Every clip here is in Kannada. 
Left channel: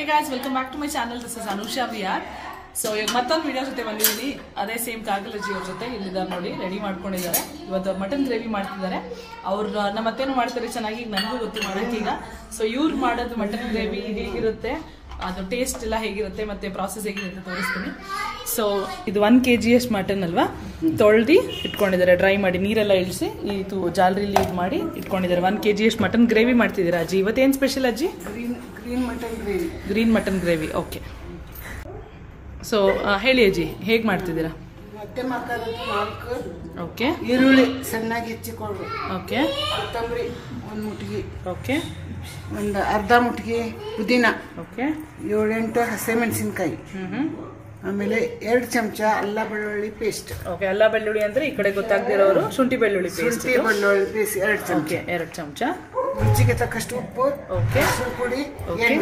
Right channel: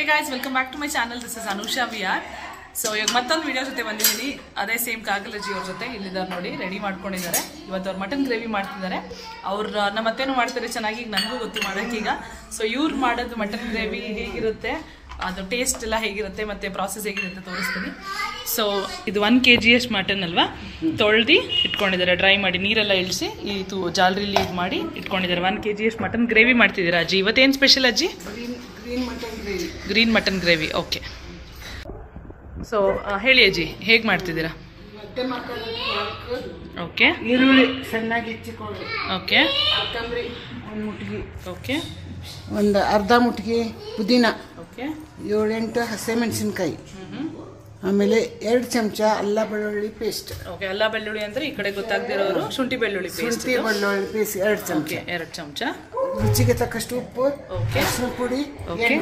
Hey guys, welcome back to my channel. This is Anusha VR. So ಈಗ ಮತ್ತೊಂದು ವಿಡಿಯೋ ಜೊತೆ ಬಂದಿದ್ದೀನಿ. ಅದೇ ಸೇಮ್ ಕಾಗಲಜಿ ಅವ್ರ ಜೊತೆ ಇಲ್ಲಿದ್ದಾರೆ ನೋಡಿ, ರೆಡಿ ಮಾಡ್ಕೊಂಡಿದ್ದಾರೆ. ಇವತ್ತು ಅವ್ರು ಮಟನ್ ಗ್ರೇವಿ ಮಾಡ್ತಿದ್ದಾರೆ. ಅವ್ರು ನಮ್ಮ ಅತ್ತೇನು ಮಾಡ್ತಾರೆ ಚೆನ್ನಾಗಿ, ನನಗೂ ಗೊತ್ತು ಮಾಡಕ್ಕೆ ಈಗ. ಸೊ ಇವ್ರು ಮಾಡೋದು ಮಟನ್ ಗ್ರೇವಿ ಹೇಗಿರುತ್ತೆ, ಅದು ಟೇಸ್ಟ್ ಎಲ್ಲ ಹೇಗಿರುತ್ತೆ ಮತ್ತೆ ಪ್ರಾಸೆಸ್ ಹೇಗಿರುತ್ತೆ ತೋರಿಸ್ತೀನಿ. ಸೊ ಇದು 1 kg ಅಷ್ಟು ಮಟನ್ ಅಲ್ವಾ, ತೊಳೆದು ಇಟ್ಕೊಂಡಿದ್ದಾರೆ, ಡ್ರೈ ಮಾಡಿ ನೀರೆಲ್ಲ ಇಳಿಸಿ ಇದು ಜಾಲರಿಲಿ ಇದು ಮಾಡಿ ಇಟ್ಕೊಂಡಿದ್ದಾರೆ. 1 kg ಅಷ್ಟು ಮಟನ್ ಗ್ರೇವಿ ಮಾಡ್ತಿದ್ದೀರಾ ಅಜ್ಜಿ? ಇವತ್ತೇನು ಸ್ಪೆಷಲ್ ಅಜ್ಜಿ? Green mutton gravy. Okay, so ಹೇಳಿ ಅಜ್ಜಿ, ಹೇಗೆ ಮಾಡ್ತಿದ್ದೀರಾ? ಓಕೆ, ಈರುಳ್ಳಿ ಸಣ್ಣಾಗಿ ಹೆಚ್ಚಿಕೊಂಡು, ಓಕೆ, ಕೊತ್ತಂಬರಿ ಒಂದು ಮುಟ್ಗಿ, ಓಕೆ, ಒಂದು ಅರ್ಧ ಮುಟ್ಗಿ ಪುದೀನ, ಓಕೆ, 7-8 ಹಸಿಮೆಣಸಿನ್ಕಾಯಿ, ಆಮೇಲೆ 2 ಚಮಚ ಅಲ್ಲ ಬೆಳ್ಳುಳ್ಳಿ ಪೇಸ್ಟ್. ಓಕೆ, ಅಲ್ಲ ಬೆಳ್ಳುಳ್ಳಿ ಅಂದ್ರೆ ಈ ಕಡೆ ಗೊತ್ತಾಗದಿರೋರು ಶುಂಠಿ ಬೆಳ್ಳುಳ್ಳಿ ಪೇಸ್ಟ್. ಶುಂಠಿ ಬೆಳ್ಳುಳ್ಳಿ ಪೇಸ್ಟ್ 2 ಚಮಚ. 2 ಚಮಚ. ರುಚಿಗೆ ತಕ್ಕಷ್ಟು ಉಪ್ಪು, ಓಕೆ, ಪುಡಿ. Okay,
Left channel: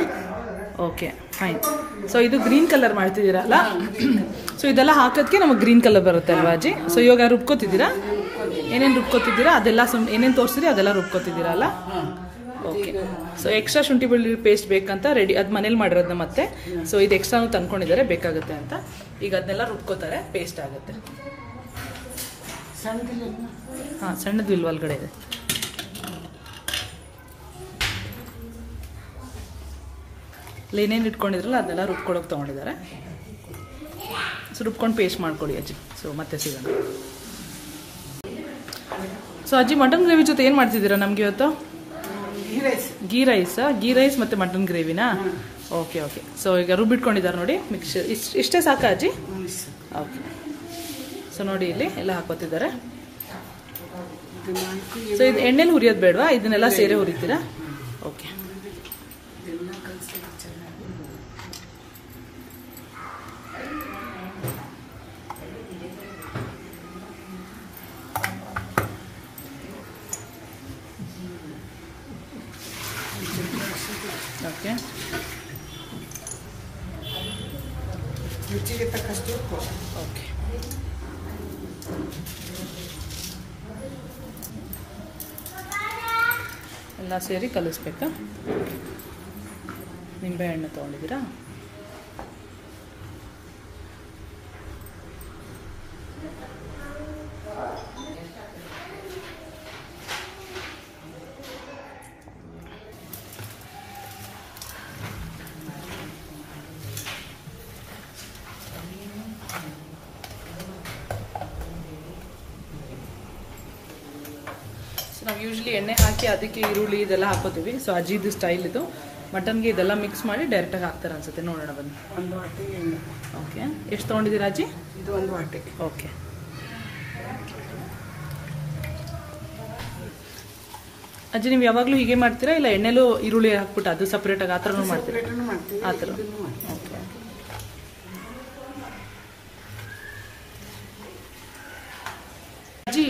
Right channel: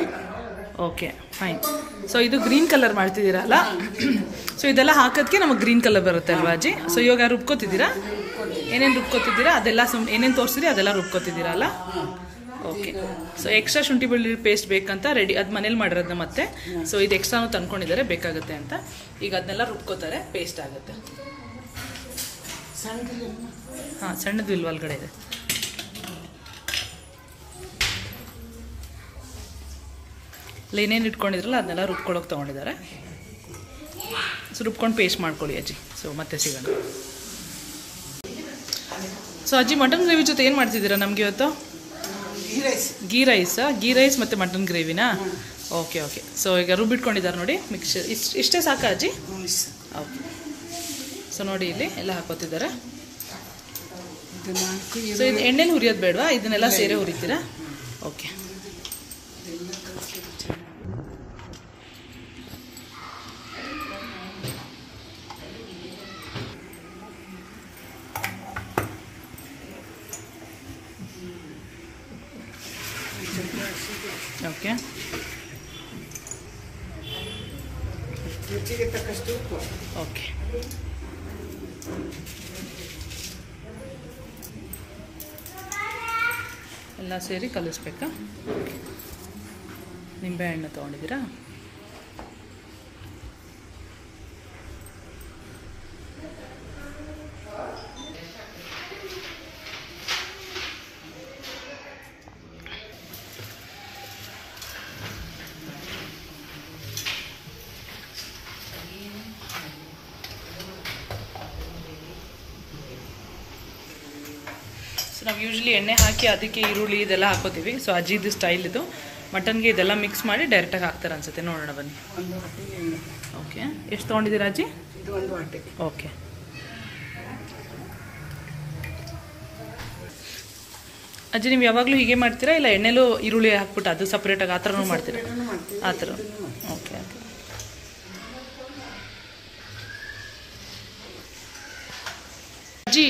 okay, fine. ಸೊ ಇದು ಗ್ರೀನ್ ಕಲರ್ ಮಾಡ್ತಿದ್ದೀರಲ್ಲ, ಸೊ ಇದೆಲ್ಲ ಹಾಕೋದಕ್ಕೆ ನಮಗೆ ಗ್ರೀನ್ ಕಲರ್ ಬರುತ್ತೆ ಅಲ್ವಾ ಅಜ್ಜಿ? ಸೊ ಇವಾಗ ರುಬ್ಕೋತಿದ್ದೀರಾ? ಏನೇನು ರುಬ್ಕೋತಿದ್ದೀರಾ ಅದೆಲ್ಲ ಏನೇನು ತೋರಿಸಿದ್ರಿ ಅದೆಲ್ಲ ರುಬ್ಕೋತಿದ್ದೀರಾ ಅಲ್ಲ? ಓಕೆ, ಸೊ ಎಕ್ಸ್ಟ್ರಾ ಶುಂಠಿ ಬೆಳ್ಳುಳ್ಳಿ ಪೇಸ್ಟ್ ಬೇಕಂತ ರೆಡಿ, ಅದು ಮನೇಲಿ ಮಾಡಿರೋದನ್ನ ಮತ್ತೆ. ಸೊ ಇದು ಎಕ್ಸ್ಟ್ರಾನು ತಂದ್ಕೊಂಡಿದ್ದಾರೆ ಬೇಕಾಗುತ್ತೆ ಅಂತ. ಈಗ ಅದನ್ನೆಲ್ಲ ರುಬ್ಕೋತಾರೆ, ಪೇಸ್ಟ್ ಆಗುತ್ತೆ. ಹಾಂ, ಸಣ್ಣದು ಇಲ್ವ ಒಳಗಡೆ ಇದೆ? ಅಲ್ಲಿ ಏನೇನು ಇಟ್ಕೊಂಡಿದ್ರಲ್ಲ ಅದನ್ನೆಲ್ಲ ರುಬ್ಕೊಳ್ಳೋಕೆ ತೊಗೊಂಡಿದ್ದಾರೆ. ಸೊ ರುಬ್ಕೊಂಡು ಪೇಸ್ಟ್ ಮಾಡ್ಕೊಳ್ಳಿ ಅಜ್ಜಿ. ಸೊ ಮತ್ತೆ ಸಿಗೋಣ. ಸೊ ಅಜ್ಜಿ, ಮಟನ್ ಗ್ರೇವಿ ಜೊತೆ ಏನು ಮಾಡ್ತಿದ್ದೀರಾ ನಮಗೆ ಇವತ್ತು? ಗೀ ರೈಸ್ ಮತ್ತು ಮಟನ್ ಗ್ರೇವಿನಾ? Okay, okay. ಸೊ ಈಗ ರುಬ್ಬಿಟ್ಕೊಂಡಿದ್ದಾರೆ ನೋಡಿ ಮಿಕ್ಸ್ಚರ್. ಇಷ್ಟೇ ಸಾಕಾ ಅಜ್ಜಿ? ಓಕೆ. ಸೊ ನೋಡಿ ಇಲ್ಲಿ ಎಲ್ಲ ಹಾಕೋತಿದ್ದಾರೆ. ಸೊ ಇದು ಎಣ್ಣೆಲಿ ಹುರಿಯೋದು ಬೇಡವಾ? ಇದನ್ನೆಲ್ಲ ಸೇರೆ ಹುರಿತೀರಾ? ಓಕೆ. ಓಕೆ, ರುಚಿಗೆ ತಕ್ಕಷ್ಟು ಉಪ್ಪು. ಓಕೆ. ಎಲ್ಲ ಸೇರಿ ಕಲಿಸ್ಬೇಕಾ? ನಿಂಬೆಹಣ್ಣು ತೊಗೊಂಡಿದ್ದೀರಾ? ನಾವು ಯೂಶ್ವಲಿ ಎಣ್ಣೆ ಹಾಕಿ ಅದಕ್ಕೆ ಈರುಳ್ಳಿ ಇದೆಲ್ಲ ಹಾಕೋತೀವಿ. ಸೊ ಅಜ್ಜಿದು ಸ್ಟೈಲ್ ಇದು. ಮಟನ್ಗೆ ಇದೆಲ್ಲ ಮಿಕ್ಸ್ ಮಾಡಿ ಡೈರೆಕ್ಟಾಗಿ ಹಾಕ್ತಾರೆ ಅನ್ಸುತ್ತೆ. ನೋಡೋಣ ಬನ್ನಿ. ಓಕೆ, ಎಷ್ಟು ತೊಗೊಂಡಿದ್ದೀರಾ ಅಜ್ಜಿ? ಇದು 1 ವಾಟೆ. ಓಕೆ. ಅಜ್ಜಿ, ನೀವು ಯಾವಾಗಲೂ ಹೀಗೆ ಮಾಡ್ತೀರಾ ಇಲ್ಲ ಎಣ್ಣೆಲೂ ಈರುಳ್ಳಿ ಹಾಕ್ಬಿಟ್ಟು ಅದು ಸಪ್ರೇಟಾಗಿ ಆ ಥರನೂ ಮಾಡ್ತೀರಾ? ಆ ಥರ. ಓಕೆ. ಅಜ್ಜಿ,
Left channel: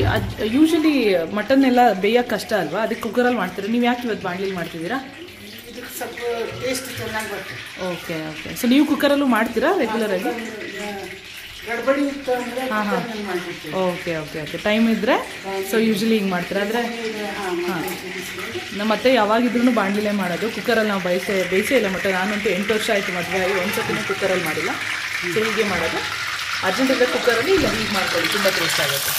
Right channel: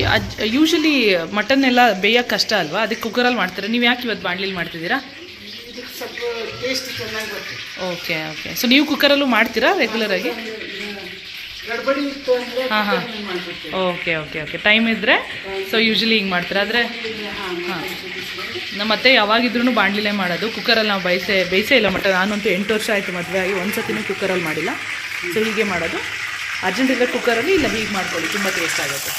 ಯೂಶಲಿ ಮಟನ್ ಎಲ್ಲ ಬೇಯಕ್ಕೆ ಕಷ್ಟ ಅಲ್ವಾ, ಅದಕ್ಕೆ ಕುಕ್ಕರಲ್ಲಿ ಮಾಡ್ತೀರಾ? ನೀವು ಯಾಕೆ ಇವತ್ತು ಬಾಣಲಿಲಿ ಮಾಡ್ತಿದ್ದೀರಾ? ಸ್ವಲ್ಪ ಟೇಸ್ಟ್ ಚೆನ್ನಾಗಿ ಬರ್ತದೆ. Okay, okay. ಸೊ ನೀವು ಕುಕ್ಕರಲ್ಲೂ ಮಾಡ್ತೀರಾ ರೆಗ್ಯುಲರ್ ಆಗಿ? ಗಡ್ಬಡಿ ಇತ್ತು ಅಂದರೆ ಹಾಂ, ಹಾಂ. Okay, okay, okay. ಟೈಮ್ ಇದ್ದರೆ ಸೊ ಯೂಶಲಿ ಹಿಂಗೆ ಮಾಡ್ತೀರಾ? ಆದರೆ ಹಾಂ, ನಮ್ಮ ಅತ್ತೆ ಯಾವಾಗಿದ್ರೂ ಬಾಣಲಿಲೇ ಮಾಡೋದು. ಕುಕ್ಕರಲ್ಲಿ ನಾವು ಬೇಯಿಸೇ ಇಲ್ಲ ಮಟನ್. ನಾನಂತೂ 8 ವರ್ಷ ಆಯಿತು ಮದುವೆ ಆಗಿ, ಒಂದು ಸತಿನೂ ಕುಕ್ಕರಲ್ಲಿ ಮಾಡಿಲ್ಲ. ಸೊ ಹೀಗೆ ಮಾಡೋದು. ಅರ್ಜೆಂಟ್ ಇದ್ದರೆ ಕುಕ್ಕರಲ್ಲಿ, ಇಲ್ಲ ಹೀಗೆ ಮಾಡ್ಕೊಳ್ಳಿ, ತುಂಬ ಟೇಸ್ಟ್ ಆಗುತ್ತೆ.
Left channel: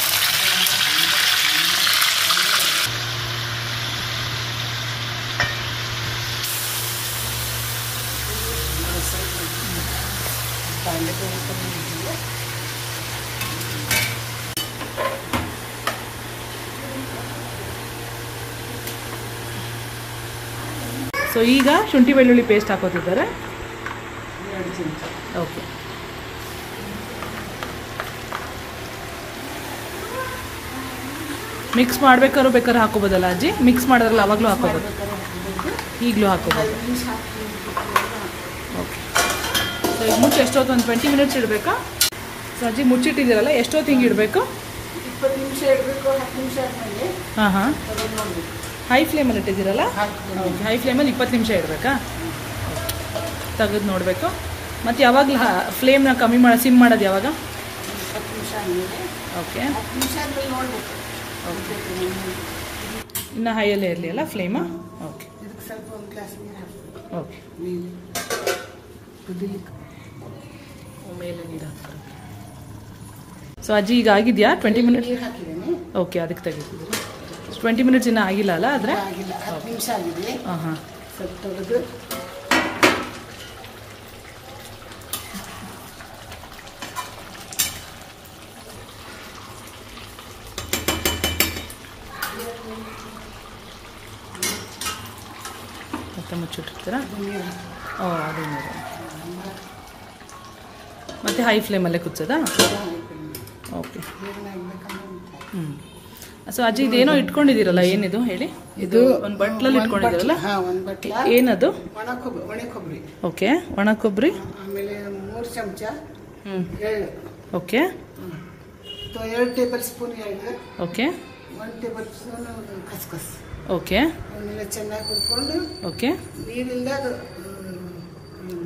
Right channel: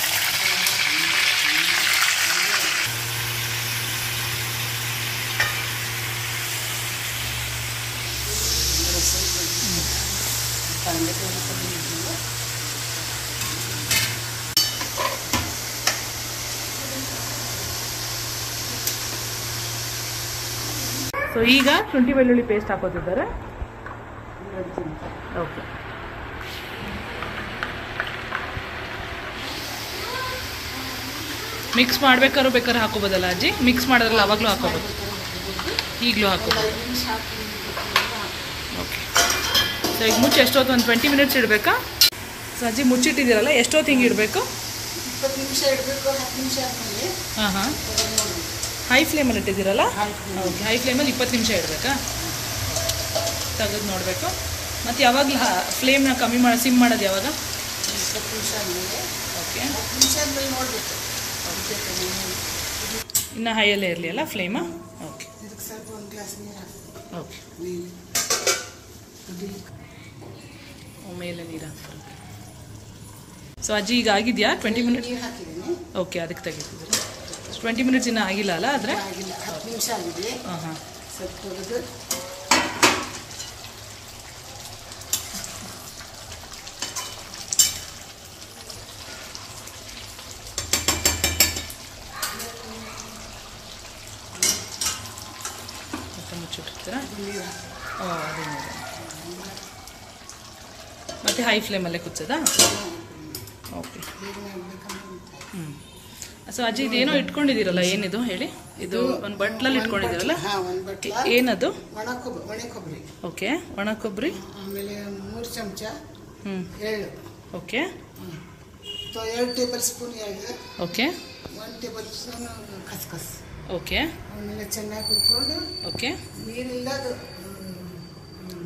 ಸೊ ಈಗ ಶುಂಠಿ ಬೆಳ್ಳುಳ್ಳಿ ಪೇಸ್ಟ್ ಹಾಕೋತಿದ್ದಾರೆ. ಓಕೆ. ಮಿಕ್ಸ್ ಬೇಕಾದ್ರೆ ಹಾಕೋಬೋದಲ್ಲ ಅಜ್ಜಿ? ಮಿಕ್ಸ್ ಮಾಡೋದ್ರಲ್ಲ ಅವಾಗಲೂ ಹಾಕೋಬೋದು, ಈಗಲೂ ಹಾಕೋಬೋದು. ಓಕೆ. ಸೊ ಈಗ ಮುಚ್ಚಿ ಎಷ್ಟೊತ್ತು? ಒಂದು 20 ಮಿನಿಟ್ಸ್ ಇಡಬೇಕಾ? ಸೊ ಅಜ್ಜಿ ಮುಚ್ಚಿಟ್ಟಿದ್ದೀರಲ್ಲ, ಎಷ್ಟೊತ್ತು ಹಿಂಗೆ ಇಡಬೇಕು? 20 ನಿಮಿಷ ಇಡಬೇಕು. 10 ನಿಮಿಷ ಆದಮೇಲೆ ಹಾಂ, ಹಾಂ. ಹೈ ಫ್ಲೇಮಲ್ಲಿ ಇಟ್ಟಿದ್ದೀರಲ್ಲ? ಓಕೆ, ಹೈ ಫ್ಲೇಮಲ್ಲಿ 20 ನಿಮಿಷ ಇಡಬೇಕಾ? ತೆಗೆದು ನೋಡಬೇಕು. ಮತ್ತು ಯಾವಾಗಲೂ ಫ್ಲೇಮ್ನ ಕಮ್ಮಿ ಮಾಡಿ ಸಿಮ್ ಮಾಡೋದು ಯಾವಾಗ? 10 ನಿಮಿಷ ಆದಮೇಲೆ. ಓಕೆ, 10 ನಿಮಿಷ ಆದಮೇಲೆ ನೋಡಬೇಕು. ಇನ್ನು ಹೈಯಲ್ಲೇ ಇರಲಿ ಅಲ್ಲ ಫ್ಲೇಮಾ? ಓಕೆ, ಸ್ವಲ್ಪ ಒಂದು ಗ್ಲಾಸ್ ನೀರು ಹಾಕಬೇಕು. ಓಕೆ. ಮೇಲೆ ನೀರು ಹಾಕ್ತಾರೆ. ಸೊ ಅಜ್ಜಿ ಈಗ ಆಗಿದೆಯಾ 20 ಮಿನಿಟ್ಸ್? ನೀರು ಹಾಕಿದ್ದೇನೆ. ಓಕೆ, ಅದಕ್ಕೆ ತೆಗಿತಿದ್ದೀರಿ. 20 ಮಿನಿಟ್ಸ್ ಇನ್ನೂ ಆಗಿಲ್ಲ ಅಲ್ಲ? ಆದರೆ ಆಗಿಲ್ಲ, 10 ನಿಮಿಷ ಆಗಿದೆ. ಹಾಂ ಹಾಂ. ಸ್ವಲ್ಪ ತೆಗೆದು ಮತ್ತೆ ಮುಚ್ಚಿಟ್ಟಿರ್ತೀರಾ? ನೀರು ಓ, ಅದೇ ನೀರು. ಮತ್ತೆ ಹೈ ಫ್ಲೇಮಲ್ಲೇ ಕುಚ್ಚೋದಾ? ಓಕೆ. ಹ್ಞೂ. ಸೊ ಅಜ್ಜಿ ಇದೇನೋ ಇಟ್ಕೊಂಡಿದ್ದೀರಲ್ಲ, ಏನಿದು ಹೇಳಿ? ಇದು ಒಂದು ಬಟ್ಲಲ್ಲಿ ಇಟ್ಕೊಂಡಿದ್ದೀರಲ್ಲ, ಒಂದು ಬಟ್ಲ. ಏನದು? ಒಣ ಕೊಬ್ಬರಿ. ಓಕೆ, ಒಣ ಕೊಬ್ಬರಿ. ಆಮೇಲೆ 3 ಚಮಚ ಹ್ಞೂ. ಎಳ್ಳು. ಓಕೆ. 2 ಟೇಬಲ್ ಸ್ಪೂನ್ ಎಳ್ಳು. ಓಕೆ. 1 ಟೇಬಲ್ ಸ್ಪೂನ್ ಖಸ್ಖಸ್. ಓಕೆ. ಅವನ್ನೆಲ್ಲ ಚೆನ್ನಾಗಿ ಹುರ್ಕೊಂಡು ಓಕೆ. ನೀರಿಂದ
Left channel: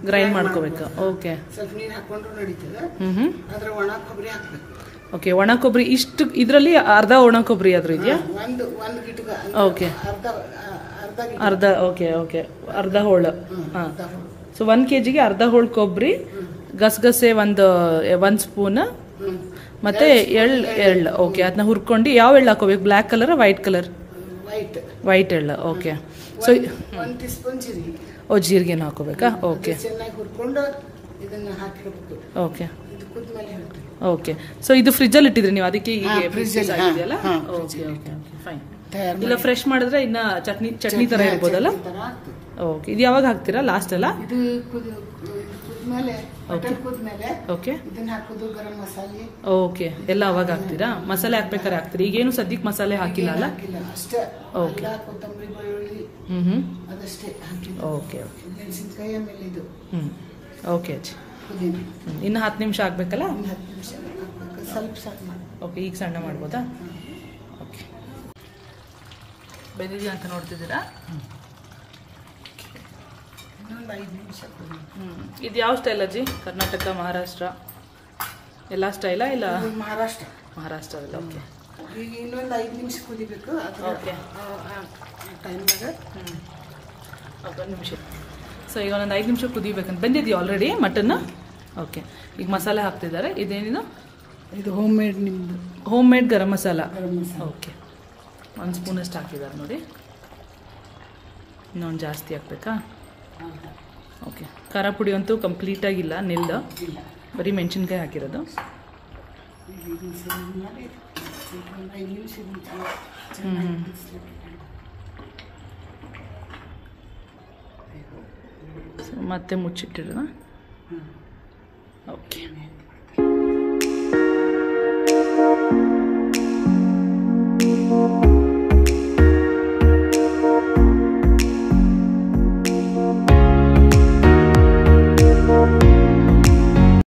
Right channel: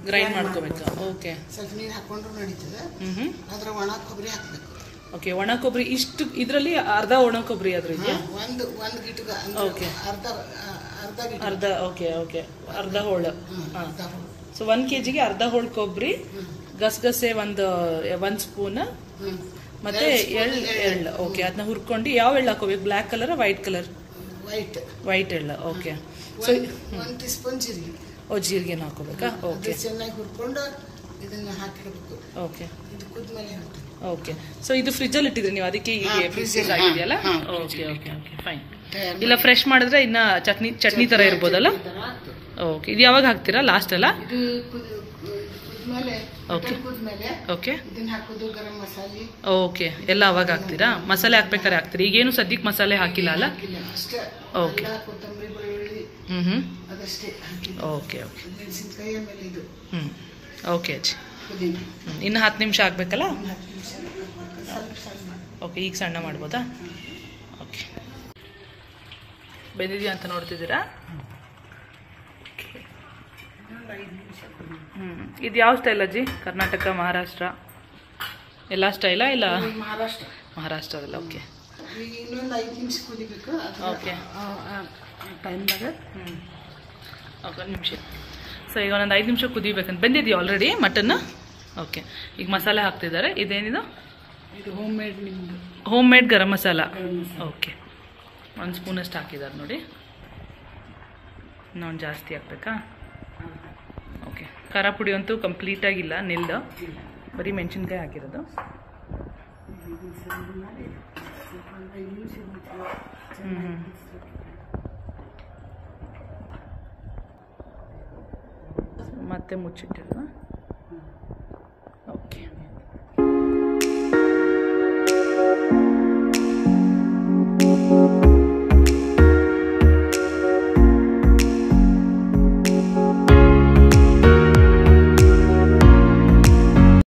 ಗ್ರೈಂಡ್ ಮಾಡ್ಕೋಬೇಕಾ? ಓಕೆ. ಸ್ವಲ್ಪ ನೀರು ಹಾಕೊಂಡ್ರು ನಡೀತದೆ. ಹ್ಞೂ. ಅದ್ರ ಒಣ ಕೊಬ್ಬರಿ ಹಾಕ್ಬೇಕು. ಓಕೆ, ಒಣ ಕೊಬ್ಬರಿ ಇಷ್ಟು ಇದರಲ್ಲಿ ಅರ್ಧ ಒಣ ಕೊಬ್ಬರಿ ಆದ್ರೂ ಇದೆಯಾ? ಒಂದು ಗಿಟಗ. ಓಕೆ. ಅರ್ಧ. ಓಕೆ ಓಕೆ, ಅರ್ಧ ಹೋಳು. ಹಾಂ. ಸೊ 1 kgಗೆ ಅರ್ಧ ಹೋಳು ಕೊಬ್ಬರಿ, ಗಸಗಸೆ ಒಂದು ಸ್ಪೂನ್, ಮತ್ತೆ ಎಳ್ಳು. ಓಕೆ, ಅದನ್ನ ಹುರ್ಕೊಂಡು ಯಾವ ಎಳ್ಳು ಹಾಕೋಬೇಕು? Black colour, white colour? White ಎಳ್ಳು. ಓಕೆ. ಸೊ 1 ಟೀ ಸ್ಪೂನ್ ಜೀರಿಗೆ. ಓ, ಜೀರಿಗೆನ ಹಾಕೋಬೇಕಾ? ಓಕೆ. ಚೆನ್ನಾಗಿ ಹುರ್ಕೊಂಡು ಇದನ್ನ ಹಾಕಿರಬೇಕು. ಓಕೆ. ಇದು ಕುದ್ಮೇಲೆ ಹೇಳ್ತೀನಿ. ಓಕೆ. ಸೊ ಇದು ಫ್ರಿಜ್ಜಲ್ಲಿ ಇಟ್ಟಿದ್ರಿ ನೀವು, ಅದಕ್ಕೆ ಹೀಗೆ ಫ್ರಿಜ್ ಆಗಿದೆಯಲ್ಲ? Okay okay okay, fine. ಇಲ್ಲ ಫ್ರೆಶ್ ಮಾಡಿದ್ರೆ ಇನ್ನ ಚಟ್ನಿ ತರ ಇರ್ಬೋದಲ್ಲ? ಓಕೆ. ಇದು ಯಾವಾಗ ಹಾಕ್ತೀರಾ? ಲಾಸ್ಟ್ ಅಲ್ಲ? ಇದು ಕುದ್ಮೇಲೆ. ಓಕೆ. ಓಕೆ. ಇದನ್ನ ಹಾಕೋದು ಗರಂ ಮಸಾಲೆ. ಓಕೆ, ಎಲ್ಲ ಅವಾಗ ಹಾಕ್ತೀರಾ? ಮಸಾಲೆ ಹಾಕ್ಬೇಕಾದ್ರೆ ಹಾಕ್ತೀರಿ? ಈಗೇನು ಸದ್ಯಕ್ಕೆ ಮಸಾಲೆ ಹಾಕಿಲ್ಲ ಅಲ್ಲ? ಅಷ್ಟೇ. ಓಕೆ. ಕೊತ್ತಂಬರಿ, ಬೆಳ್ಳುಳ್ಳಿ ಅದಷ್ಟೇ ಹಾಕಿ. Okay okay. ಮೆಣಸಿನಕಾಯಿ, ಆಮೇಲೆ ಇದು ಓಕೆ ಅಜ್ಜಿ. ಪುದೀನ. ಇನ್ನು 10 ನಿಮಿಷ ಆಗ್ಬೇಕಲ್ಲ? 10 ನಿಮಿಷ ಸ್ವಲ್ಪ ಸಣ್ಣ. ಓಕೆ, ಈಗ ಸಣ್ಣ ಮಾಡ್ಬೋದಾ? ಓಕೆ. ಬೆಂದಿದೆಯಾ ಅಂತ ನೋಡ್ತಿದ್ದೀರಾ? ಇನ್ನೊಂದು 5 ನಿಮಿಷ ಕುದಿ. ಇದು ಯಾವ ಸ್ಟೈಲ್ ಅಜ್ಜಿ? ಕರ್ನಾಟಕ, ಮಹಾರಾಷ್ಟ್ರ ಎಲ್ಲ ಸ್ಟೈಲಾ? ಇಲ್ಲ ಮಹಾರಾಷ್ಟ್ರದಲ್ಲ? ಓಕೆ. ಈಗ ಇನ್ನೊಂದು 5 ನಿಮಿಷ ಕುದಿಬೇಕು. ಓಕೆ. ಟೈಮ್ದಾಗ ಓಕೆ, 1 ನಿಮಿಷ. ಸೊ ಈಗ ಒಂದೊಂದು 5 ನಿಮಿಷ ಕುದಿಬೇಕಂತ. ಬೆಂದಿದೆಯಾ ಆಲ್ರೆಡಿ ಮಟನ್? ಓಕೆ. ಈಗ ಮಸಾಲೆ ಹಾಕ್ತಿದ್ದಾರೆ. ಇದೇನಿದು? ಇದು ಹೋಮ್ ಮೇಡ್, ನಿಮ್ಮದು home made garam masala. Okay, 1 ಸ್ಪೂನಷ್ಟು ಹಾಕಿದ್ದಾರೆ ನೋಡಿ. ಇನ್ನೊಂದು ಜಾಸ್ತಿ ಹಾಕ್ಬೇಕಾ? ಓಕೆ. ಖಾರ ಪುಡಿ ಅಂತೂ ಕಂಪ್ಲೀಟಾಗಿಲ್ಲ, ನಿಲ್ದು, ಬರೀ ಮೆಣಸಿನ್ಕಾಯಿ ಹಾಕಿರೋದು. ಮತ್ತೆ ಮುಚ್ಚಿಟ್ಟಿರೋಣ. ಓಕೆ.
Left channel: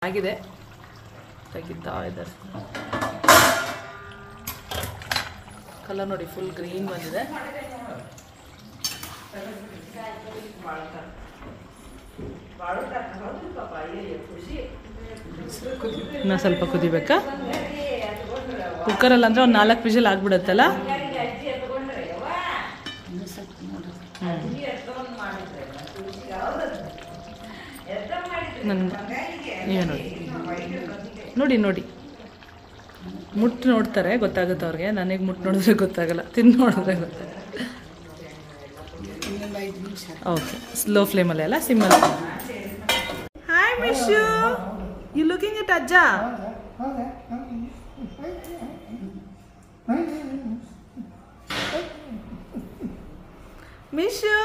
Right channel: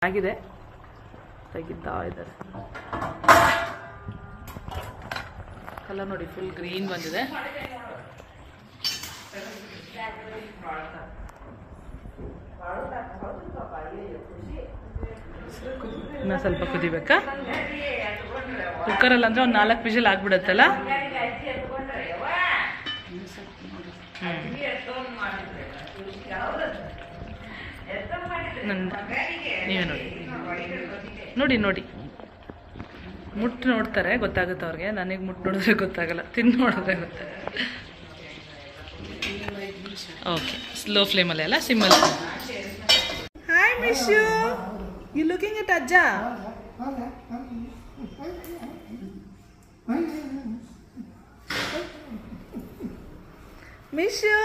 ಆಗಿದೆ, ತೆಗಿತಾ ಇದ್ದಾರೆ. ಕಲರ್ ನೋಡಿ, ಫುಲ್ ಗ್ರೀನ್ ಬಂದಿದೆ. ಇನ್ನೂ ಸ್ವಲ್ಪ ಕುದಿಬೇಕಾ? ಕುಕ್ಕರಲ್ಲಿ ಅಂದರೆ ಒಂದು 4 ವಿಷಲ್ ಆಗ್ಬಿಡುತ್ತಲ್ಲ? ನೀವೇ ನೋಡಿ ನೋಡಿ ಮುಟ್ಟು ನೋಡ್ತಾರೆ, ಗೊತ್ತಾಗುತ್ತೆ ಅವ್ರಿಗೆ. ನನಗೆ ಮುಟ್ಟು ನೋಡಿದ್ರೆ ಗೊತ್ತಾಗಲ್ಲ, ತಿಂದು ನೋಡಿದ್ರೆ ಗೊತ್ತಾಗಲ್ಲ. ಓಕೆ, ಸ್ಲೋ ಫ್ಲೇಮಲ್ಲಿ ಅಲ್ಲ, ಸಿಮ್ಮಲ್ಲಿ. Hi Meesho, you looking it ಅಜ್ಜ? ಮಿಶು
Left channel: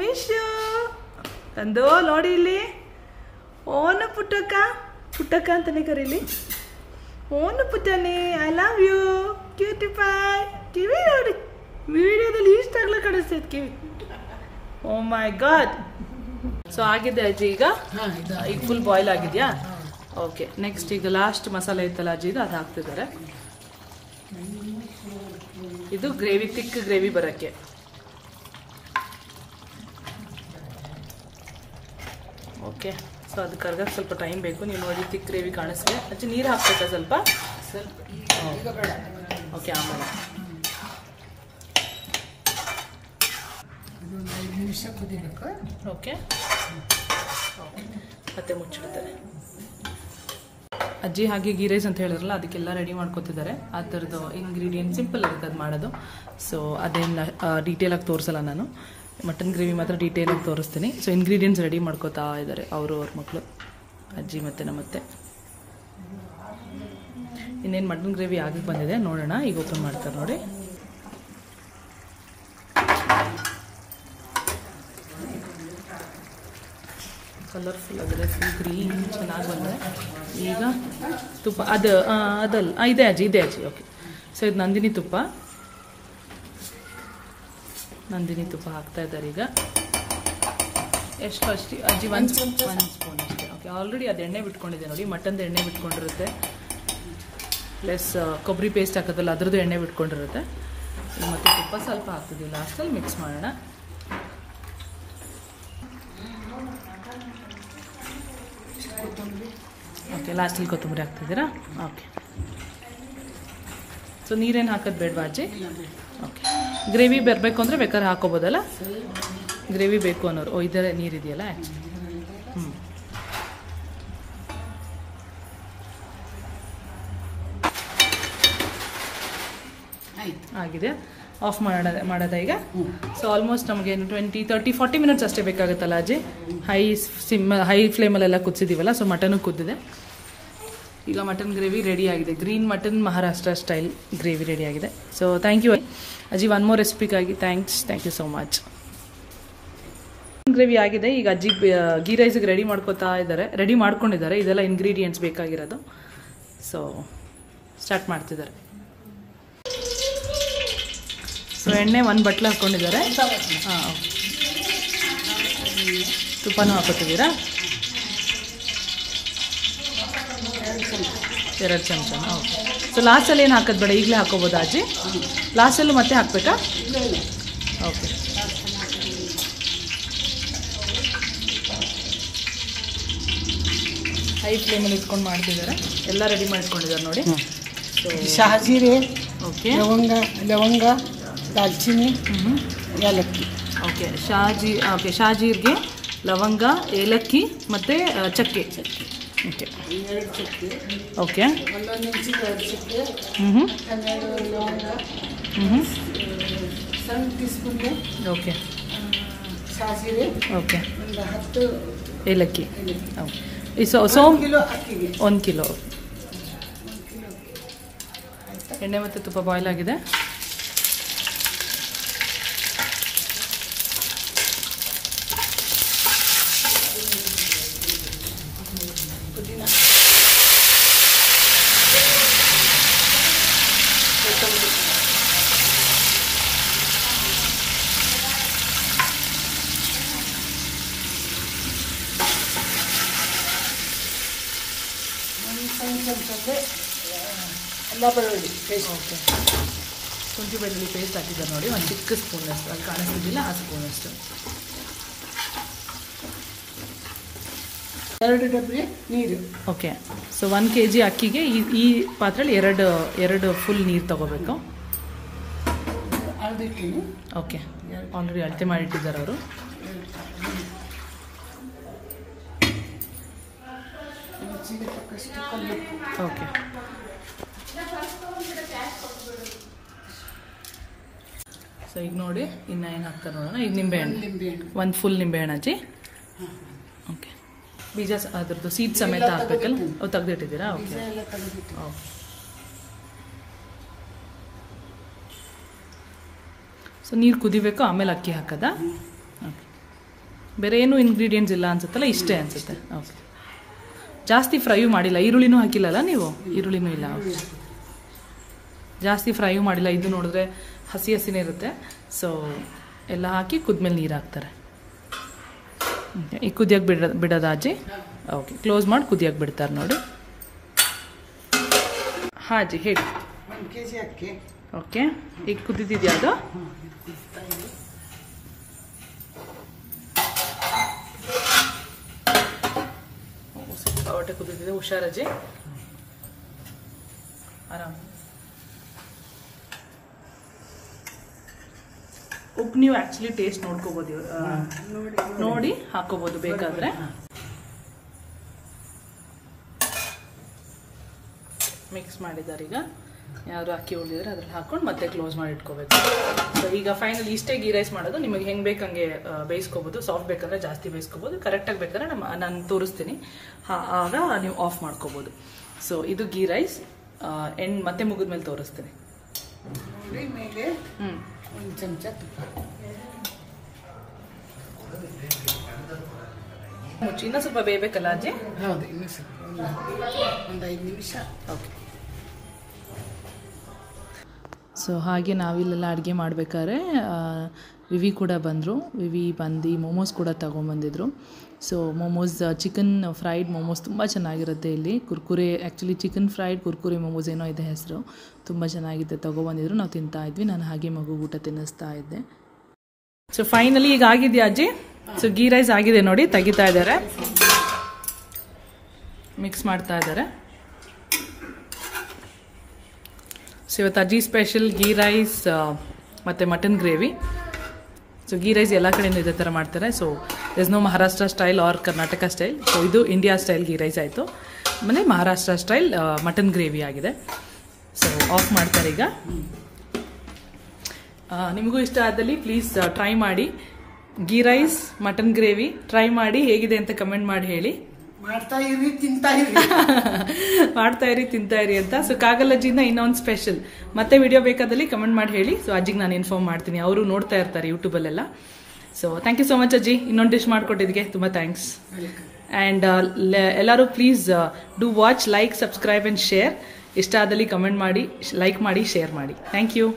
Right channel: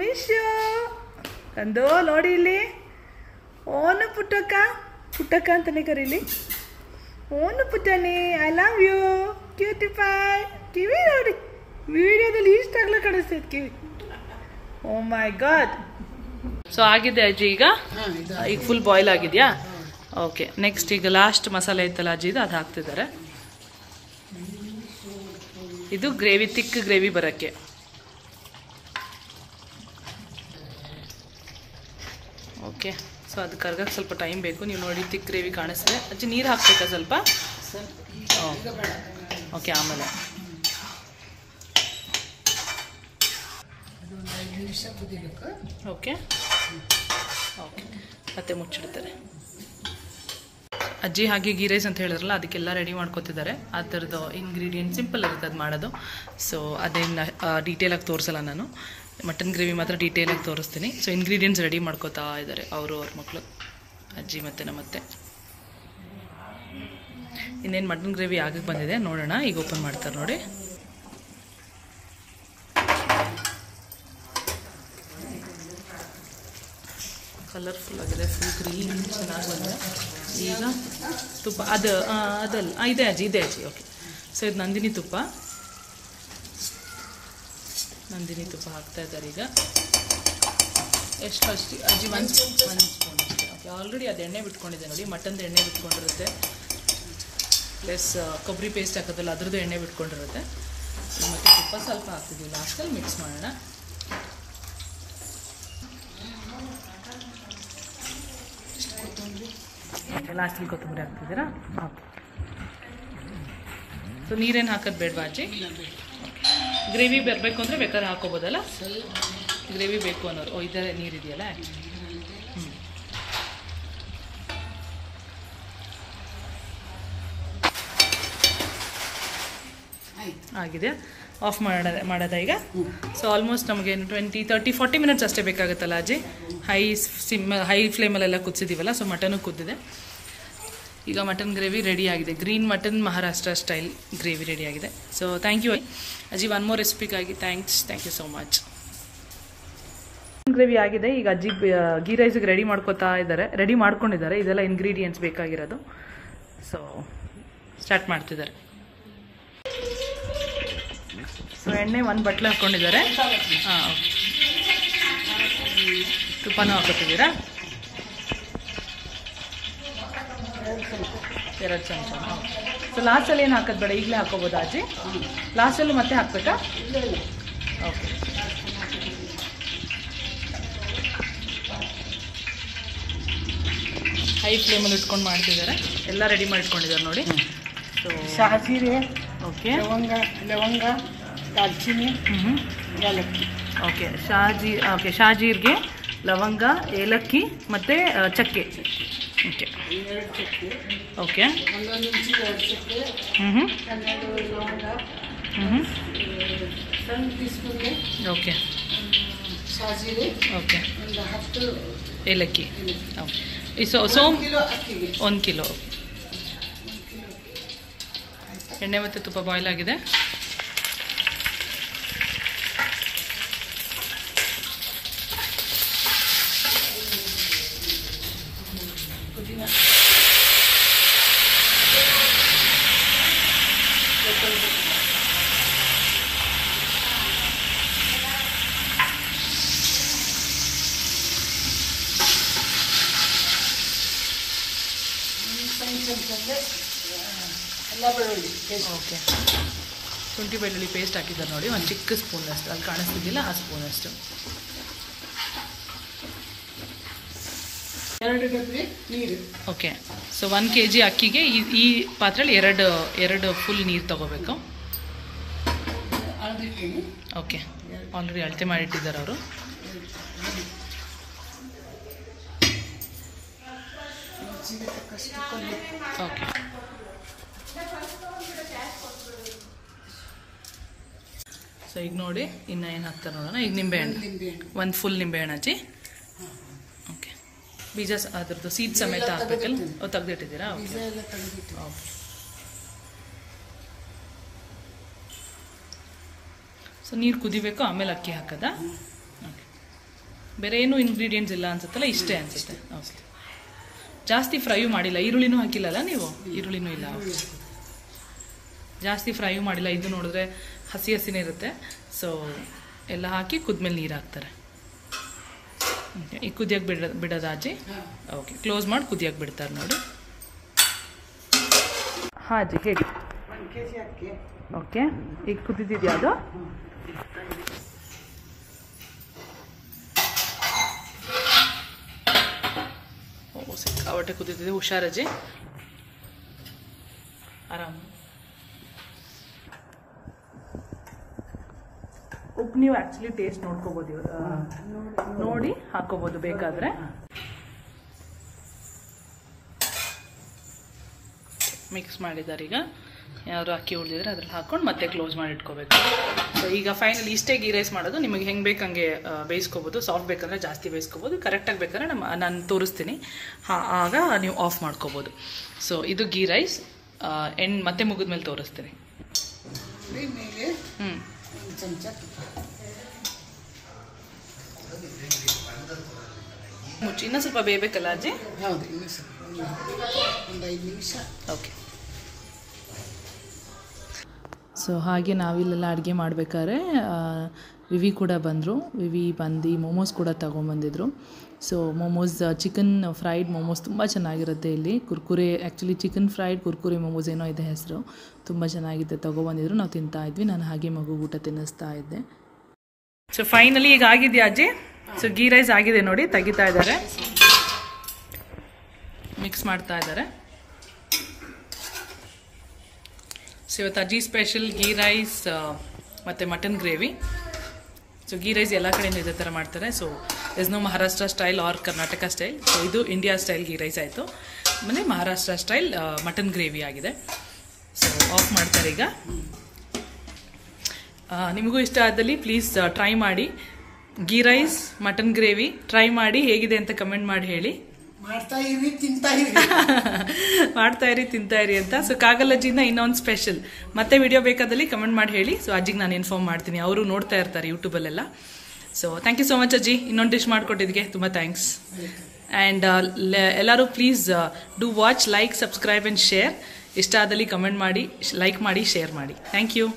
ಮಿಶು ಅಂದು ನೋಡಿ ಇಲ್ಲಿ. ಓನು ಪುಟ್ಟಕ್ಕ, ಪುಟ್ಟಕ್ಕ ಅಂತಾನೆ ಕರೀಲಿ. ಓನು ಪುಟ್ಟನಿ, I love you, cutie pie. ಕಿವಿ ನೋಡಿ, ವಿಡಿಯೋದಲ್ಲಿ ಇಷ್ಟಾಗ್ಲೂ ಕಾಣಿಸ್ತೈತೆ ಕಿವಿ. ಓ ಮೈ ಗಾಡ್. ಸೊ ಆಗಿದೆ ಅಜ್ಜಿ ಈಗ ಫುಲ್ ಬಾಯ್ಲ್ ಆಗಿದೆಯಾ? ಓಕೆ. ನೆಕ್ಸ್ಟ್ ಈಗ ಲಾಸ್ಟ್ ಮಸಾಲೆ ಇತ್ತಲ್ಲ ಅಜ್ಜಿದು, ಅದು ಹಾಕ್ತಿದ್ದಾರೆ. ಇದು ಗ್ರೇವಿ, ತಿಕ್ ಗ್ರೇವಿ ಬರೋಕ್ಕೆ. ಓಕೆ. ಸೊ ಅದು ಕರ್ಗಕ್ಕೆ ಸ್ವಲ್ಪ ಟೈಮ್ ಬೇಕು. ನೀವು ನೋಡಿ, ತಿಕ್ ಗ್ರೇವಿ ಕಾಣಿಸ್ತದೆ. ಅಜ್ಜಿ ನೀರು ಹಾಕ್ಬೇಕಾ ಸ್ವಲ್ಪ? ಓಕೆ, ಆಮೇಲೆ. ನಿಮಿಷ ಕುದಿಬೇಕು. ಓಕೆ. ಓಕೆ ಮತ್ತೆ ಮುಚ್ಚಿಡ್ತಾರೆ. ಅಜ್ಜಿ ಹಾಗೆ ಗೀ ರೈಸ್ ಅಂತ ಹೇಳಿದ್ರಲ್ಲ ಅದಕ್ಕೆಲ್ಲ ರೆಡಿ ಮಾಡ್ಕೊತಿದ್ದಾರೆ. ಆ ಥರದ್ದು ಇಂಗ್ರೀಡಿಯೆಂಟ್ ಸಿಂಪಲ್ ಇರುತ್ತೆ ಅದು ಮಾಡೋದು. ಸೊ ಅದೇನು ಡೀಟೇಲಾಗಿ ತೋರಿಸಲ್ಲ ನಾನು, ಮಟನ್ ಗ್ರೇವಿ ಮಾತ್ರ ಡೀಟೇಲಾಗಿ ತೋರಿಸ್ತೀನಿ. ಸೊ ಇಂಗ್ರೀಡಿಯೆಂಟ್ಸ್ ರೆಡಿ ಮಾಡ್ಕೋತಾ ಇದ್ದಾರೆ ಅವರು ಅವ್ರ ಮಕ್ಕಳು, ಅಜ್ಜಿ ಮತ್ತು ನಮ್ಮತ್ತೆ. ಇನ್ನೇನು ಮಟನ್ ಗ್ರೇವಿ ಆಗಕ್ಕೆ ಬಂದಿದೆ ನೋಡೋಣ. ಈಗ ಓಪನ್ ಮಾಡ್ತಾರೆ ನೋಡಿ. ಕಲರ್ಫುಲ್ ಆಗಿದೆ, ಫುಲ್ ಗ್ರೀನ್ ಚೆನ್ನಾಗಿ ಬಂದಿದೆ. ಈಗ ತುಪ್ಪ ಅದಲ್ಲ ಇದೆ ಅಜ್ಜಿ, ಇದೆ ಅಜ್ಜಿ. ಓಕೆ, ಸೊ ಇದು ನಂದಿನಿ ತುಪ್ಪ ಹಾಕ್ತಾ ಇದ್ದಾರೆ ಈಗ. ಎಷ್ಟು ಅಷ್ಟು ಅಜ್ಜಿ? ಒಂದು ಸ್ಪೂನ್ ಅಷ್ಟೇ. ಓಕೆ, ಆಲ್ರೆಡಿ ಅದು ಎಣ್ಣೆ ಬಿಟ್ಕೊಂಡಿದೆ ನೋಡಿ, ಮಟನ್ದು ಎಣ್ಣೆ ಬಿಟ್ಕೊಂಡಿರುತ್ತೆ, ಪ್ಲಸ್ ಕೊಬ್ಬರಿ ಪೇಸ್ಟ್ ಹಾಕೋದಲ್ಲ ಅದ್ರದ್ದು ಎಣ್ಣೆ ಬಿಟ್ಕೊಂಡಿರುತ್ತೆ. ಮತ್ತು ತುಪ್ಪ ಸ್ವಲ್ಪ ಹಾಕ್ತಿದ್ವಿ, ಲಾಸ್ಟಲ್ಲಿ ಮಿಕ್ಸ್ ಮಾಡೋಣ. ಓಕೆ, ಲಾಸ್ಟಲ್ಲಿ ಕೊತ್ತಂಬರಿ ಹಾಕ್ತಿದ್ದೀರಾ? ಓಕೆ, ಸೊ ನೀರೇನು ಹಾಕೋದು ಬೇಡವಾ ಅಜ್ಜಿ? ಓಕೆ, ಗ್ರೇವಿ ಬರಬೇಕು ಅಂದರೆ ಬೇಕಾದ್ರೆ ಹಾಕೋಬೋದಲ್ಲ, ಗ್ರೇವಿ ಬೇಕು ಅನ್ನೋರು. ಓ, ಇದರ ನೀರಿದೆಯಲ್ಲ ಆ್ಯಕ್ಚುಲಿ. ಆಗಿದೆ, ಆಫ್ ಮಾಡೋದಾ ಈಗ? ಸೊ ಆಲ್ಮೋಸ್ಟ್ ನಮಗೆ 20, 30, 40 ಮಿನಿಟ್ಸ್ ಅಷ್ಟೇ ಬೇಕಾಗುತ್ತಲ್ಲ ಅಜ್ಜಿ? ಹೈ ಫ್ಲೇಮಲ್ಲೆಲ್ಲ ಕುದಿಸಿದ್ದೀವಲ್ಲ, ಸೊ ಮಟನು ಕುದ್ದಿದೆ. ಈಗ ಮಟನ್ ಗ್ರೇವಿ ರೆಡಿ ಆಗಿದೆ. Green mutton Maharashtra style gravy ready ಆಗಿದೆ. ಸೊ ಥ್ಯಾಂಕ್ ಯು ಅಜ್ಜಿ, ಒನ್ ಮೋರ್ ರೆಸಿಪಿಗಾಗಿ thank you so much. Gravy ಆಗಿದೆ. ಈಗ ಅಜ್ಜಿ ಗೀ ರೈಸ್ಗೆ ರೆಡಿ ಮಾಡ್ಕೊಂಡಿದ್ದಾರೆ. ಇದೆಲ್ಲ ಇಂಗ್ರೀಡಿಯೆಂಟ್ಸ್ ಬೇಕಾಗಿರೋದು. ಸೊ ಸ್ಟಾರ್ಟ್ ಮಾಡ್ತಿದ್ದಾರೆ. ಸೊ ಎಣ್ಣೆ 1 ಬಟ್ಲು ಹಾಕ್ಕೊಂಡಿದ್ದಾರೆ. ಹಾಂ, ತುಪ್ಪನೂ ಹಾಕೋತಿದ್ದೀರಾ? 2 ಚಮಚ. ಓಕೆ, ಸೊ ಲಾಸ್ಟಲ್ಲಿ ಏನು ಹಾಕೋದು ಬೇಡ, ಈಗಲೇ ಹಾಕೋಬೋದಾ ಅಜ್ಜಿ? ಲಾಸ್ಟಲ್ಲೂ ಮತ್ತೆ ಹಾಕ್ಬೇಕಾ? ಓಕೆ, ಹೈ ಫ್ಲೇಮಲ್ಲಿ ಇಟ್ಕೊಂಡು ಮಾಡ್ತಿದ್ದಾರೆ. ಎಲ್ಲ ರೆಡಿ ಮಾಡಿಟ್ಕೊಂಡಿದ್ದಾರೆ ನೋಡಿ. ಸೊ ಶಹಾಜೀರೆ, ಓಕೆ, ಲವಂಗ, ದಾಲ್ಚಿನ್ನಿ, ಏಲಕ್ಕಿ. ಓಕೆ, ಶಾಜೀರ್ಗೆ ಲವಂಗ, ಏಲಕ್ಕಿ ಮತ್ತು ಚಕ್ಕೆ. ಓಕೆ, 2 ಚಕ್ಕೆ. ಓಕೆ, 1 ಇಂಚು 2 ಚಕ್ಕೆ, 12 ಲವಂಗ, ಸಣ್ಣ ಟೀಸ್ಪೂನ್ಗೆ ಓಕೆ, ಶಹಾಜೀರೆ, ಓಕೆ, ಒಂದು 10 ಏಲಕ್ಕಿ. ಓಕೆ, ಈ 1 ಕಿಲೋ ಅಕ್ಕಿಗೆ 1 ಕಿಲೋ. ಎಣ್ಣೆ ಮತ್ತು ತುಪ್ಪ ಬಾಯ್ಲ್ ಆಗಿದೆ. ಎಲ್ಲ ಬೆಳ್ಳುಳ್ಳಿ ಪೇಸ್ಟ್. ಓಕೆ, ಶುಂಠಿ ಬೆಳ್ಳುಳ್ಳಿ ಪೇಸ್ಟ್ ಹಾಕಿದ್ದಾರೆ ನೋಡಿ, ಒಂದು ಚಿಕ್ಕ ಸ್ಪೂನಷ್ಟು, ಅಲ್ಲಿ ಕಾಣಿಸ್ತಿದ್ದಿಲ್ಲ ಆ ಸ್ಪೂನಷ್ಟು. 2 ಡಬ್ಬಿ ನೀರು. ಓಕೆ, ಸೊ 1 kg ಅಕ್ಕಿಗೆ ಈ ಪಾತ್ರೆಯಲ್ಲಿ ಎರಡು ಫುಲ್ ನೀರು ತೊಗೋಬೇಕು. ಅಳದಿಟ್ಟಿನಿ. ಓಕೆ, ಆಲ್ರೆಡಿ ಅಳತೆ ಮಾಡಿಟ್ಟಿದ್ದಾರೆ ಅವರು. ಓಕೆ, ಸೊ ಈಗ ನೋಡಿ ಇನ್ನು ಏನು ಹಾಕ್ತಾರೆ ನೋಡೋಣ. ಈಗ ನಿಂಬೆಹಣ್ಣು, 1 ಫುಲ್ ನಿಂಬೆಹಣ್ಣು ಅಜ್ಜಿ. ಓಕೆ, ಬೀಜ ಅದ್ರದ್ದು ಸೀಡ್ ಸಮೇತ ಹಾಕ್ಬೇಕಲ್ಲ? ತೆಗೆದಿಟ್ಟಿದ್ದೀರಾ? Okay, okay. ಸೊ ನೀರು ಕುದಿಬೇಕು, ಆಮೇಲೆ ಅಕ್ಕಿ ಹಾಕೋದಾ? ಓಕೆ, ಬೇರೆ ಏನು ಇಂಗ್ರೀಡಿಯೆಂಟ್ಸ್ ಇಲ್ಲ ಅನ್ಸುತ್ತಲ್ಲ, ಇಷ್ಟೇ ಅನ್ಸುತ್ತೆ. ಓಕೆ, ಜಾಸ್ತಿ ಫ್ರೈ ಮಾಡಿಲ್ಲ, ಈರುಳ್ಳಿನೂ ಹಾಕಿಲ್ಲಲ್ಲ ನೀವು? ಈರುಳ್ಳಿನೂ ಇಲ್ಲ, ಜಾಸ್ತಿ ಫ್ರೈ ಮಾಡಿಲ್ಲ. ಇದು ನೋಡಿದ್ರೆ ಹಸಿನೇ ಇರುತ್ತೆ. ಸೊ ಎಲ್ಲ ಹಾಕಿ ಕುದ್ಮೇಲೆ ನೀರು ಹಾಕ್ತಾರೆ. ಈಗ ಕುದಿಯಕ್ಕೆ ಬಿಡೋದಾ ಅಜ್ಜಿ? ಓಕೆ, ಕ್ಲೋಸ್ ಮಾಡಿ ಕುದಿಯಕ್ಕೆ ಬಿಡ್ತಾರೆ ನೋಡಿ. ಹಾಂ ಅಜ್ಜಿ ಹೇಳಿ. 1 kg ಅಕ್ಕಿ. ಓಕೆ, ಈಗ ಕುದಿದಿದೆಯಾ ಅದು? ಸಿಕ್ಕಾಪಟ್ಟೆ ಕುದಿದಿದೆ, ಹುಷಾರಜ್ಜಿ, ಆರಾಮ್. ಉಪ್ಪು ನೀವು ಆ್ಯಕ್ಚುಲಿ ಟೇಸ್ಟ್ ನೋಡ್ಕೋಬೋದು, ನೋಡಿ ಹಾಕೋಬೋದು ಬೇಕಾದರೆ. ಮಿಕ್ಸ್ ಮಾಡಿದ್ದಾರೆ. ಈಗ ಯಾರು ಅಕ್ಕಿ ಉಳಿದಿದ್ರೆ ಅದ್ರಲ್ಲಿ ಹಾಕೊಂಡು ಮತ್ತೆ ಕ್ಲೋಸ್ ಮಾಡಿ ಇಟ್ಕೋಬೇಕು. ಸೊ ಈಗ ಫೈನಲ್ ಇಷ್ಟೇ ಗೀ ರೈಸ್ ಮಾಡೋದು. ನಿಮಗೆ ಹೆಂಗೆ ಬೇಕಂಗೆ ಬೇಯಿಸ್ಕೋಬೋದು. ಸಾಫ್ಟ್ ಬೇಕಂದ್ರೆ ಜಾಸ್ತಿ ಬೇಯಿಸ್ಕೋಬೋದು, ಕರೆಕ್ಟಾಗಿ ಬೇಕಾದ್ರೆ ನಾನು ತೋರಿಸ್ತೀನಿ, ಆಗ ನೀವು ಆಫ್ ಮಾಡ್ಕೋಬೋದು. ಸೊ ಇದು ಗೀ ರೈಸ್. ಮತ್ತೆ ಮುಗಿದ್ಮೇಲೆ ತೋರಿಸ್ತೀನಿ. ಮೇಲೆ ಒಂದು ಚಮಚ ಮುಚ್ಚಿ ಇನ್ನೂ ಸ್ವಲ್ಪ ಬೇಯಬೇಕಲ್ಲ ಅಜ್ಜಿ? ಹೌದು, ಇನ್ನೂ ಸ್ವಲ್ಪ ಒಂದು 5 ನಿಮಿಷ. ಓಕೆ. ಸೊ ಹಾಗೆ ನಾವಿಲ್ಲೆಲ್ಲ ಅಡುಗೆ ಮಾಡಬೇಕಾದ್ರೆ ವಿವಿ ಕೂಡ ಬಂದರು. ವಿವಿ ಬಂದು ಮೋಮೋಸ್ ಕೂಡ ತೊಗೊಂಬಂದಿದ್ರು. So momos, chicken fried momos ತುಂಬ ಚೆನ್ನಾಗಿರುತ್ತೆ ಇಲ್ಲಿ. Kurkure, actually chicken fried Kurkure momos ಏನೋ ಇದೆ ಹೆಸರು. ತುಂಬ ಚೆನ್ನಾಗಿದೆ, ತೊಗೊಬಂದಿದ್ರು. ನಾವು ತಿಂತಾ ಇದ್ವಿ. ನಾನು ಹಾಗೆ ಮಗು ಊಟ ತಿನ್ನಿಸ್ತಾ ಇದ್ದೆ. ಸೊ ಫೈನಲಿ ಈಗ ಆಗಿದೆಯಾ ಅಜ್ಜಿ? ಸೊ ಗೀ ರೈಸ್ ಆಗಿದೆ ನೋಡಿ, ತೆಗಿತಾ ಇದ್ದಾರೆ, ಮಿಕ್ಸ್ ಮಾಡ್ತಾ ಇದ್ದಾರೆ. ಸೊ ಇವತ್ತು ಅಜ್ಜಿ ಸ್ಪೆಷಲ್ ಗೀ ರೈಸ್ ಮತ್ತು mutton gravy. So ghee rice ಎಲ್ಲ ಕಡೆಯಿಂದ ಇದೇ ಥರ ಮಾಡ್ತಾರೆ. So is no Maharashtra style or Karnataka style. So ಇದು ಇಂಡಿಯಾ ಸ್ಟೈಲ್ ಗೀ ರೈಸ್ ಆಯಿತು. ಆಮೇಲೆ ಮಹಾರಾಷ್ಟ್ರ ಸ್ಟೈಲ್ ಮಟನ್ ಗ್ರೇವಿ ಆಗಿದೆ. ಸೊ ಆಫ್ ಮಾಡ್ತಾರೆ ಈಗ. ನಿಮಗೂ ಇಷ್ಟ ಆದಲ್ಲಿ ಪ್ಲೀಸ್ ಟ್ರೈ ಮಾಡಿ. Ghee rice mutton gravy try ಮಾಡಿ, ಹೇಗಿದೆ ಅಂತ ಕಮೆಂಟ್ ಮಾಡಿ ಹೇಳಿ. ಮಾಡ್ತಾ ಇರಿ, ತಿಂತಾ ಇರಿ. ಮಾಡ್ತಾ ಇರಿ, ತಿಂತಾ ಇರಿ ಅಂತ. ಸೊ ಕಾಗಲಜ್ಜಿಯಿಂದ ಇನ್ನೊಂದು ಸ್ಪೆಷಲ್. ಮತ್ತೆ ವಿಡಿಯೋ ಬೇಕಾದಲ್ಲಿ ಕಮೆಂಟ್ ಮಾಡಿ ಹೇಳಿ. ಸೊ ಅಜ್ಜಿಗೆ ನಾನು ಇನ್ಫಾರ್ಮ್ ಮಾಡ್ತೀನಿ, ಅವರು ನೋಡ್ತಾ ಇರ್ತಾರೆ ಯೂಟ್ಯೂಬಲ್ಲೆಲ್ಲ. So thank you so much ಅಜ್ಜಿ, ಇನ್ನೊಂದು ಡಿಶ್ ಮಾಡಿಕೊಟ್ಟಿದ್ದಕ್ಕೆ ತುಂಬ ಥ್ಯಾಂಕ್ಸ್. ಆ್ಯಂಡ್ ಎಲ್ಲರೂ please do watch, like, subscribe and share. ಇಷ್ಟ ಆದಲ್ಲಿ ಕಮೆಂಟ್ ಮಾಡಿ, ಲೈಕ್ ಮಾಡಿ, ಶೇರ್ ಮಾಡಿ. Thank you.